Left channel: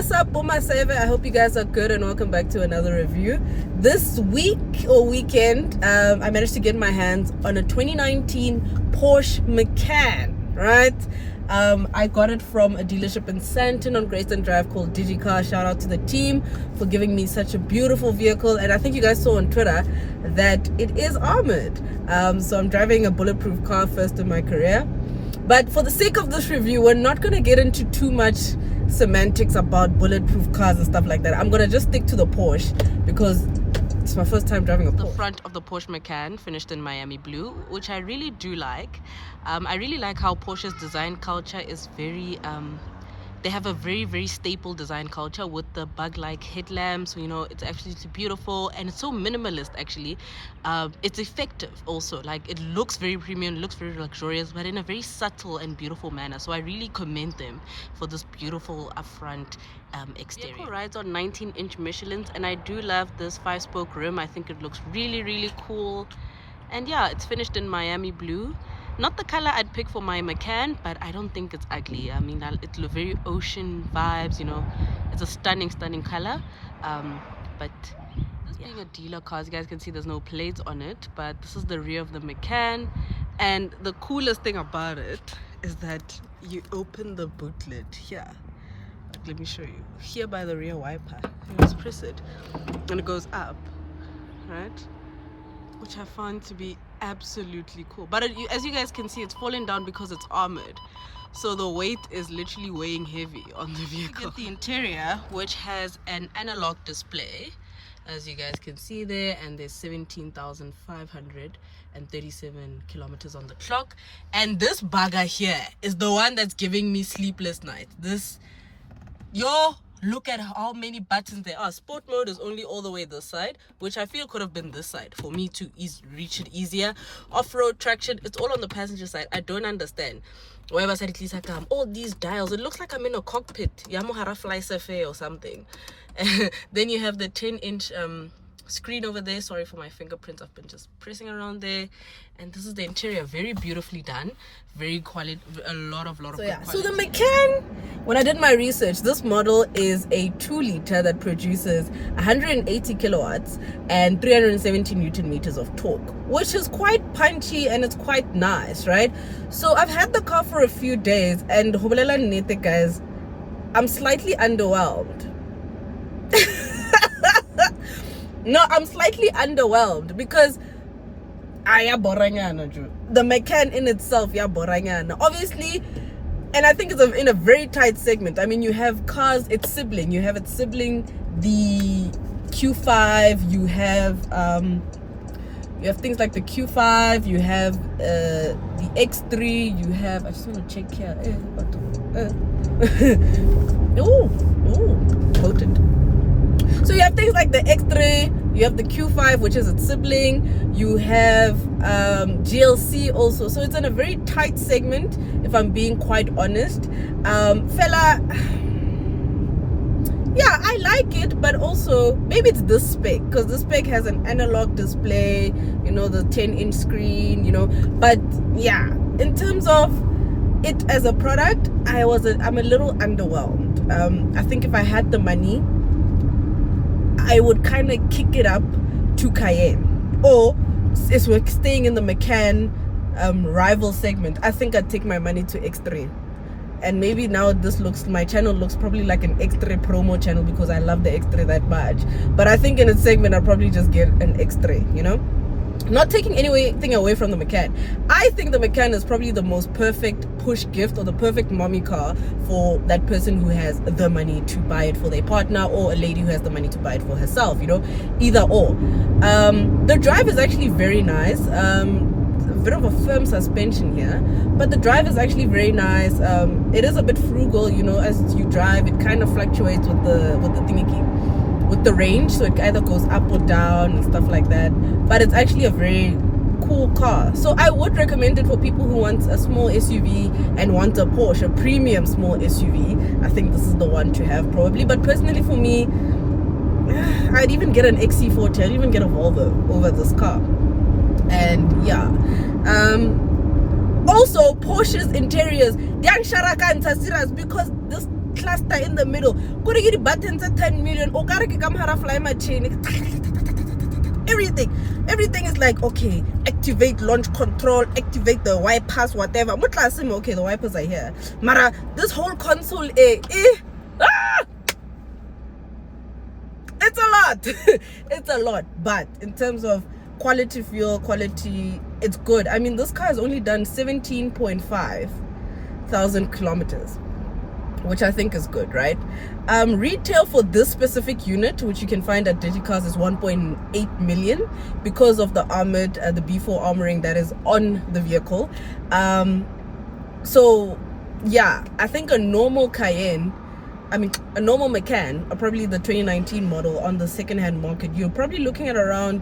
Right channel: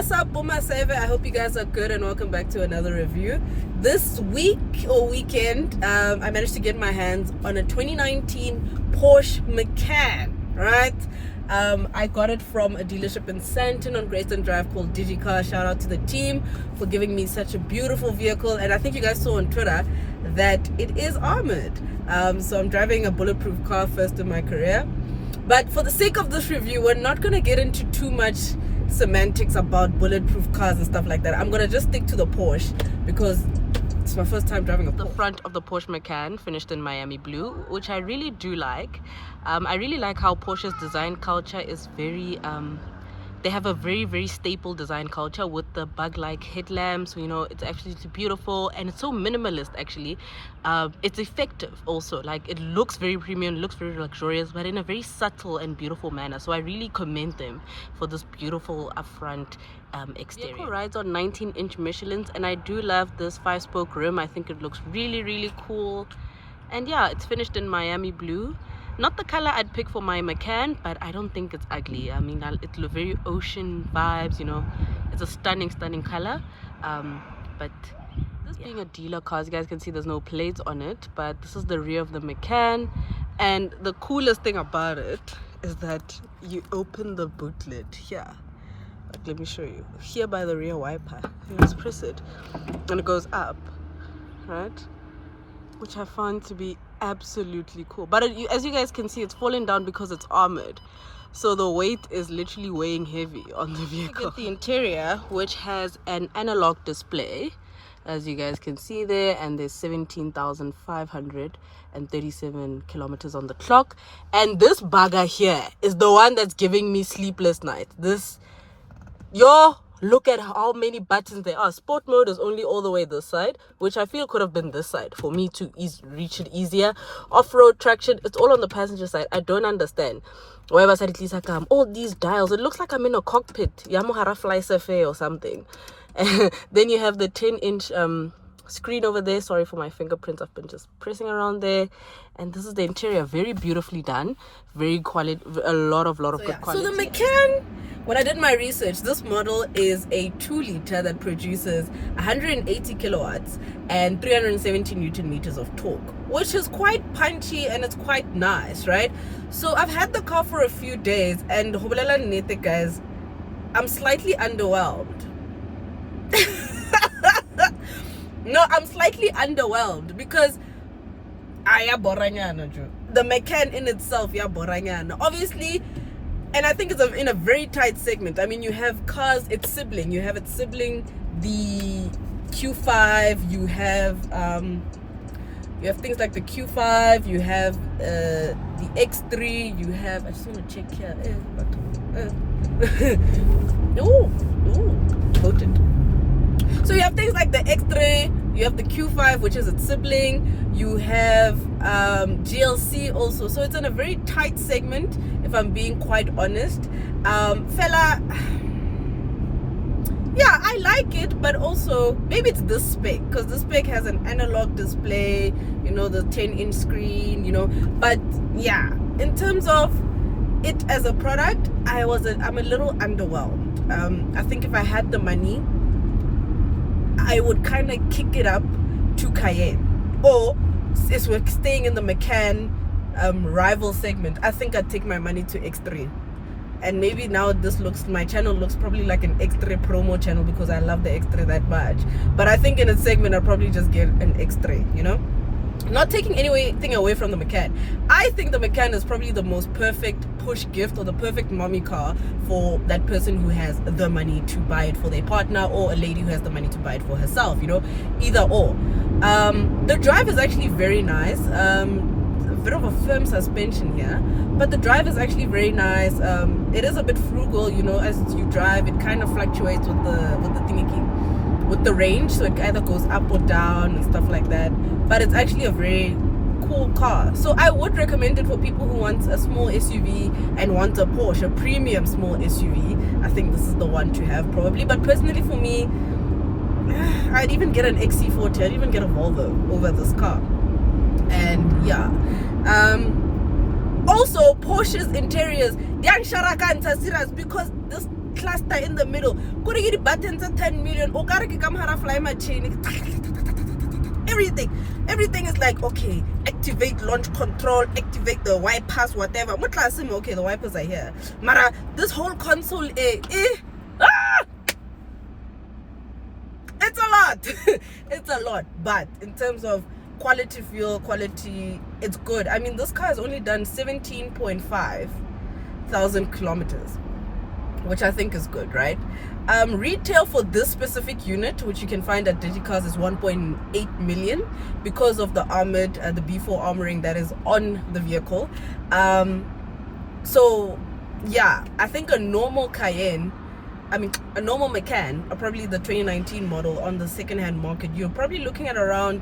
What's up, Boomer Saver? I hope you guys are good and welcome back to another review. This week or weekend, I managed to get my hands on a 2019 Porsche Macan, right? I got it from a dealership in Santon on Greyston Drive called DigiCar. Shout out to the team for giving me such a beautiful vehicle. And I think you guys saw on Twitter that it is armored. So I'm driving a bulletproof car first in my career. But for the sake of this review, we're not going to get into too much semantics about bulletproof cars and stuff like that. I'm going to just stick to the Porsche because it's my first time driving a Porsche. The front of the Porsche Macan finished in Miami blue, which I really do like. I really like how Porsche's design culture is very they have a very staple design culture with the bug-like headlamps. You know, it's actually beautiful and it's so minimalist. Actually, it's effective also. Like, it looks very premium, looks very luxurious, but in a very subtle and beautiful manner. So I really commend them for this beautiful upfront exterior. Vehicle rides on 19-inch Michelins, and I do love this 5-spoke rim. I think it looks really cool. And yeah, it's finished in Miami blue. Not the color I'd pick for my Macan, but I don't think it's ugly. I mean, it's very ocean vibes, you know. It's a stunning color. But this being a dealer car, as you guys can see, there's no plates on it, but this is the rear of the Macan. And the coolest thing about it is that you open the boot lid here. Like, let me show you. Here by the rear wiper. You just press it and it goes up, right? Which I found to be absolutely cool. But as you guys can see, it's falling down because it's armored, so the weight is literally weighing heavy on the vehicle. You get the interior, which has an analog display, as you guys can see there, and there's 17,537 kilometers on the clock. And this bugger here is the one that's giving me sleepless nights. Look at how many buttons there are. Sport mode is only all the way this side, which I feel could have been this side for me to reach it easier. Off-road traction, it's all on the passenger side. I don't understand. Wherever side it is, all these dials, it looks like I'm in a cockpit. Yamuhara Fly Survey or something. Then you have the 10-inch screen over there. Sorry for my fingerprints, I've been just pressing around there. And this is the interior, very beautifully done, very quality, a lot of good quality. So the Macan, when I did my research, this model is a 2-liter that produces 180 kilowatts and 370 newton meters of torque, which is quite punchy and it's quite nice, right? So I've had the car for a few days, and guys, I'm slightly underwhelmed. No, I'm slightly underwhelmed because the Macan in itself, obviously, and I think it's in a very tight segment. I mean, you have cars, its sibling, the Q5, you have things like the Q5, you have the X3, you have, I just want to check here, quoted. So you have things like the X3, you have the Q5, which is its sibling, you have GLC also. So it's in a very tight segment, if I'm being quite honest. Fella, yeah, I like it, but also maybe it's this spec, because this spec has an analog display, you know, the 10-inch screen, you know. But yeah, in terms of it as a product, I'm a little underwhelmed. I think if I had the money, I would kind of kick it up to Cayenne, or as we're staying in the Macan rival segment, I think I'd take my money to X3. And maybe now my channel looks probably like an X3 promo channel because I love the X3 that much. But I think in its segment I'd probably just get an X3, you know. Not taking anything away from the Macan. I think the Macan is probably the most perfect push gift, or the perfect mommy car for that person who has the money to buy it for their partner, or a lady who has the money to buy it for herself, you know, either or. The drive is actually very nice. A bit of a firm suspension here, but the drive is actually very nice. It is a bit frugal, you know, as you drive. It kind of fluctuates with the range, so it either goes up or down and stuff like that. But it's actually a very cool car, so I would recommend it for people who want a small SUV and want a Porsche, a premium small SUV. I think this is the one to have probably. But personally for me, I'd even get an XC40, I'd even get a Volvo over this car. And yeah, also Porsche's interiors, they are serious, because this cluster in the middle. Go to get the buttons at 10 million. Oh, gotta come how to fly my chain. Everything is like, okay, activate launch control, activate the wipers, whatever. Okay, the wipers are here. Mara, this whole console, it's a lot. It's a lot. But in terms of quality fuel, it's good. I mean, this car has only done 17.5 thousand kilometers, which I think is good, right? Retail for this specific unit, which you can find at Digicars, is 1.8 million because of the armored, the B4 armoring that is on the vehicle. So yeah, I think a normal Macan, or probably the 2019 model on the second-hand market, you're probably looking at around,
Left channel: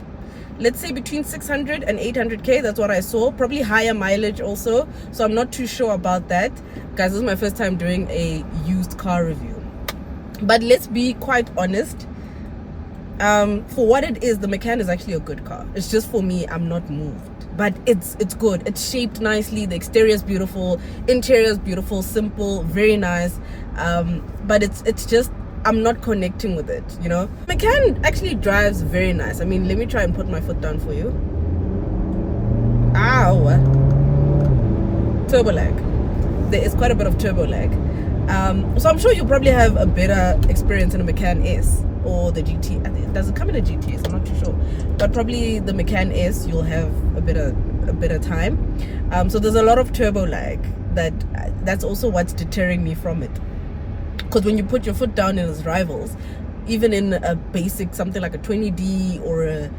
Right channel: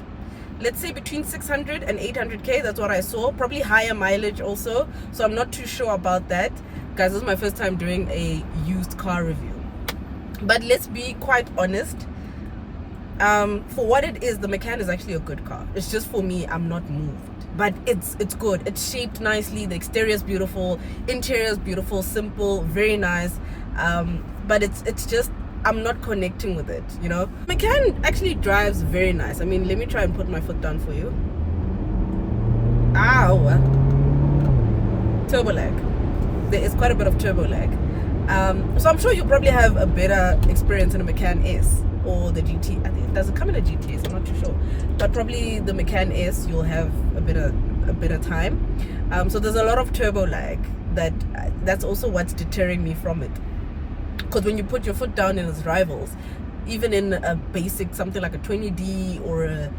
let's say, between 600 and 800k. That's what I saw. Probably higher mileage also, so I'm not too sure about that. Guys, this is my first time doing a used car review, but let's be quite honest, for what it is, the Macan is actually a good car. It's just, for me, I'm not moved, but it's good. It's shaped nicely, the exterior is beautiful, interior is beautiful, simple, very nice, but it's just, I'm not connecting with it, you know. Macan actually drives very nice. I mean, let me try and put my foot down for you. Ow. Turbo lag. There is quite a bit of turbo lag. So I'm sure you probably have a better experience in a Macan S or the GT. Does it come in a GT? I'm not too sure, but probably the Macan S, you'll have a better time. So there's a lot of turbo lag. That's also what's deterring me from it. Because when you put your foot down in its rivals, even in a basic something like a 20D or a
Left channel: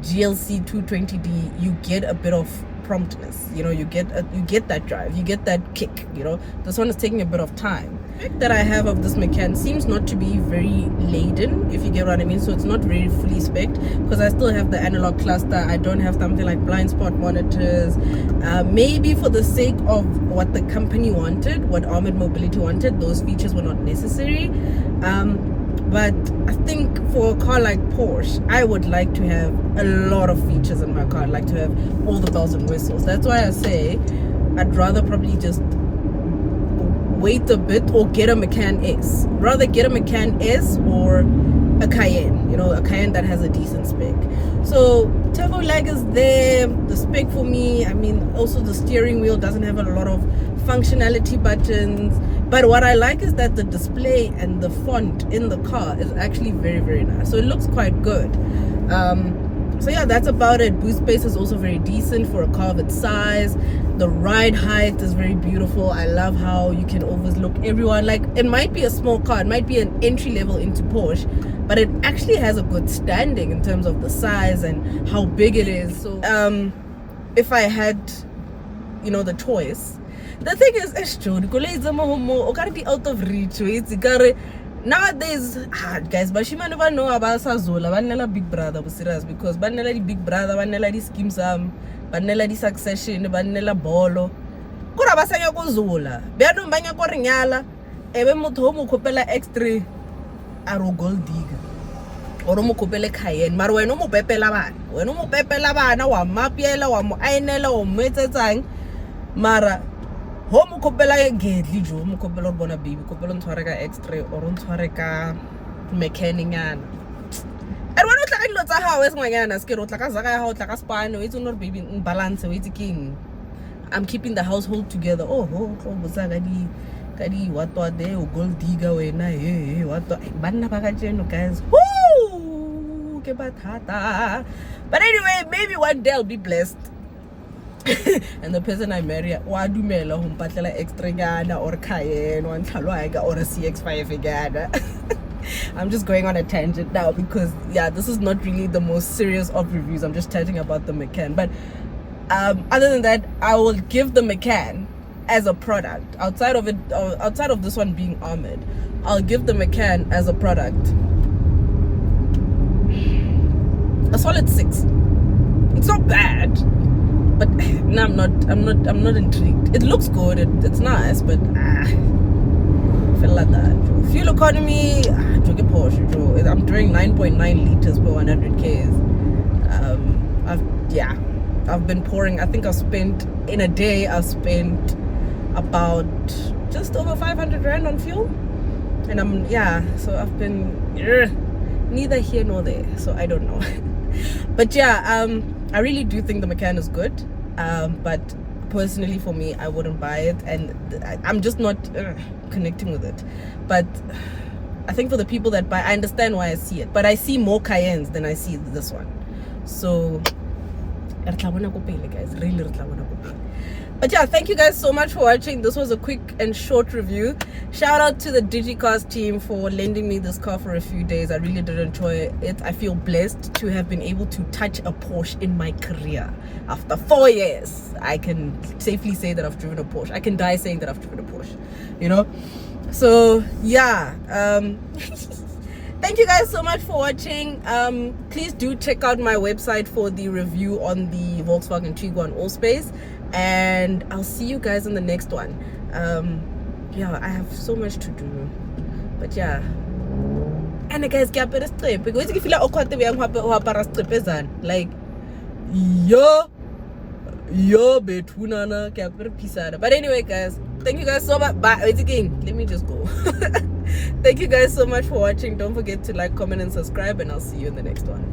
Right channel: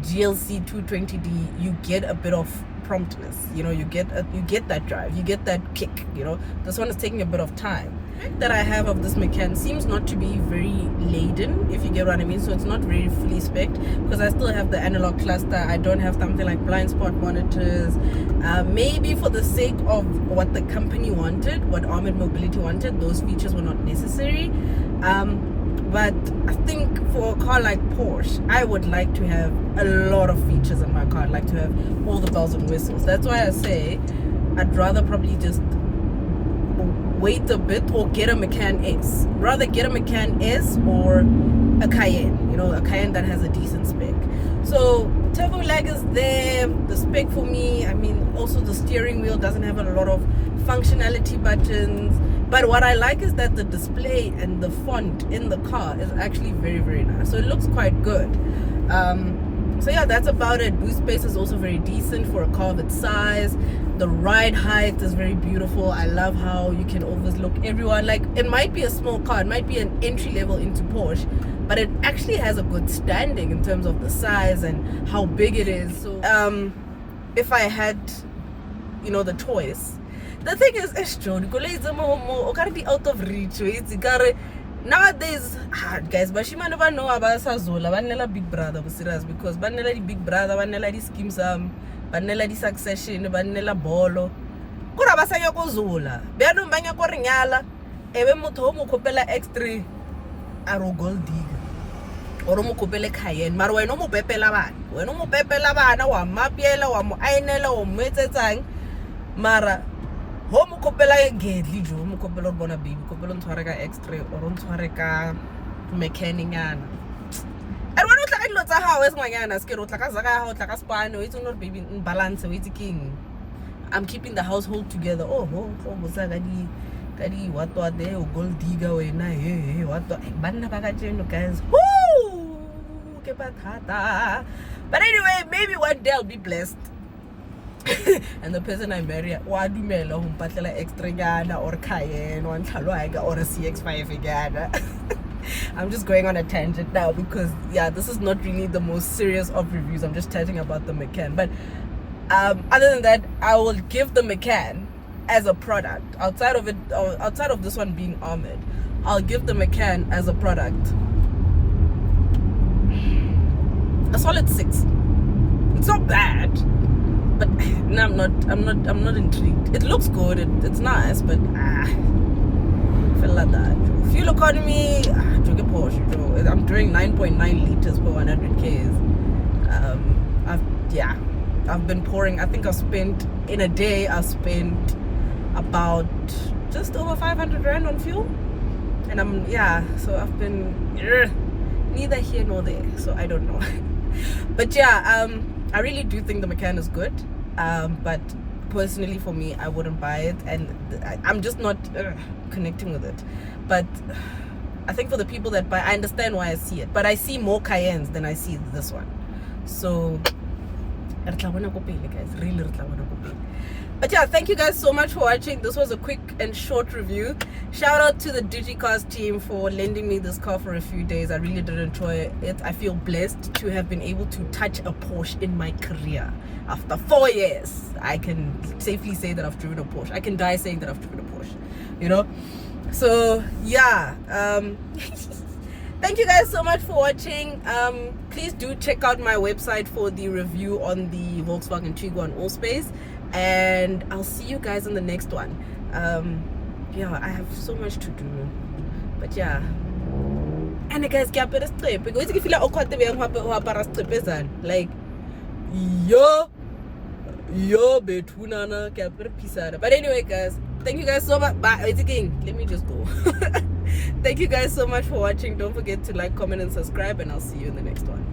GLC 220D, you get a bit of promptness. You know, you get that drive, you get that kick. You know, this one is taking a bit of time. The fact that I have of this Macan seems not to be very laden, if you get what I mean. So it's not very fully spec'd, because I still have the analog cluster. I don't have something like blind spot monitors. Maybe for the sake of what the company wanted, what Armored Mobility wanted, those features were not necessary. But I think for a car like Porsche, I would like to have a lot of features in my car. I'd like to have all the bells and whistles. That's why I say I'd rather probably just wait a bit or get a Macan S. Rather get a Macan S or a Cayenne, you know, a Cayenne that has a decent spec. So turbo lag is there. The spec for me, I mean, also the steering wheel doesn't have a lot of functionality buttons. But what I like is that the display and the font in the car is actually very, very nice. So it looks quite good. So yeah, that's about it. Boot space is also very decent for a car of its size. The ride height is very beautiful. I love how you can overlook everyone. Like, it might be a small car, it might be an entry level into Porsche, but it actually has a good standing in terms of the size and how big it is. So if I had, you know, the choice, the thing is, gotta be out of reach. Nowadays, guys, bashimane ba no abasazola banela big brother, serious, because banela di big brother, banela di schemes, banela di succession, banela bolo. Kura basanya ko zola. Beano banya ko rinyala, ebe motho mo khopela X3 aro gold digger. Oro mo khopele Cayenne, mara wena mo pepela bana. Wena mo pepela bana wa mapiela wa mo ainela o metsetsang. Mara ho mo khopela gedli jo mo khopela bona baby khopela ntshware ka X3 or ntshware ka mechanic yana. And when o tla ka dilo tsa gago e sengwanyana se ke o tla ka zaka ya o tla ka spano o itse no baby in balance o itse king. I'm keeping the household together. Oh ho tlo botsa ka di what there o gold digger wena hey what banna ba ka jeno guys. Woo! Ke bathata. But anyway, maybe one day I'll be blessed. And the person I marry, wa dumela ho mpatlela X3 gana or Cayenne or Ntlhalwaga or a CX5 gana. I'm just going on a tangent now because yeah, this is not really the most serious of reviews. I'm just chatting about the Macan. But other than that, I will give the Macan as a product, outside of this one being armored, I'll give the Macan as a product a solid 6. It's not bad, but no, I'm not intrigued. It looks good, it's nice, but feel like that. Fuel economy, Porsche. I'm doing 9.9 liters per 100 k's. I've been pouring. I think in a day I've spent about just over 500 rand on fuel. And so I've been neither here nor there, so I don't know. But yeah, I really do think the Macan is good, but personally for me, I wouldn't buy it, and I'm just not connecting with it. But I think for the people that buy, I understand why I see it, but I see more Cayennes than I see this one. So guys, really. But yeah, thank you guys so much for watching. This was a quick and short review. Shout out to the DigiCars team for lending me this car for a few days. I really did enjoy it. I feel blessed to have been able to touch a Porsche in my career. After 4 years, I can safely say that I've driven a Porsche. I can die saying that I've driven a Porsche, you know? So yeah, thank you guys so much for watching. Please do check out my website for the review on the Volkswagen Tiguan Allspace, and I'll see you guys in the next one. Yeah, I have so much to do, but yeah. And guys, get better strip because if you feel awkward to be like yo betunana capera pisada. But anyway guys, thank you guys so much. Bye. Wait again, let me just go. Thank you guys so much for watching. Don't forget to like, comment and subscribe, and I'll see you in the next one.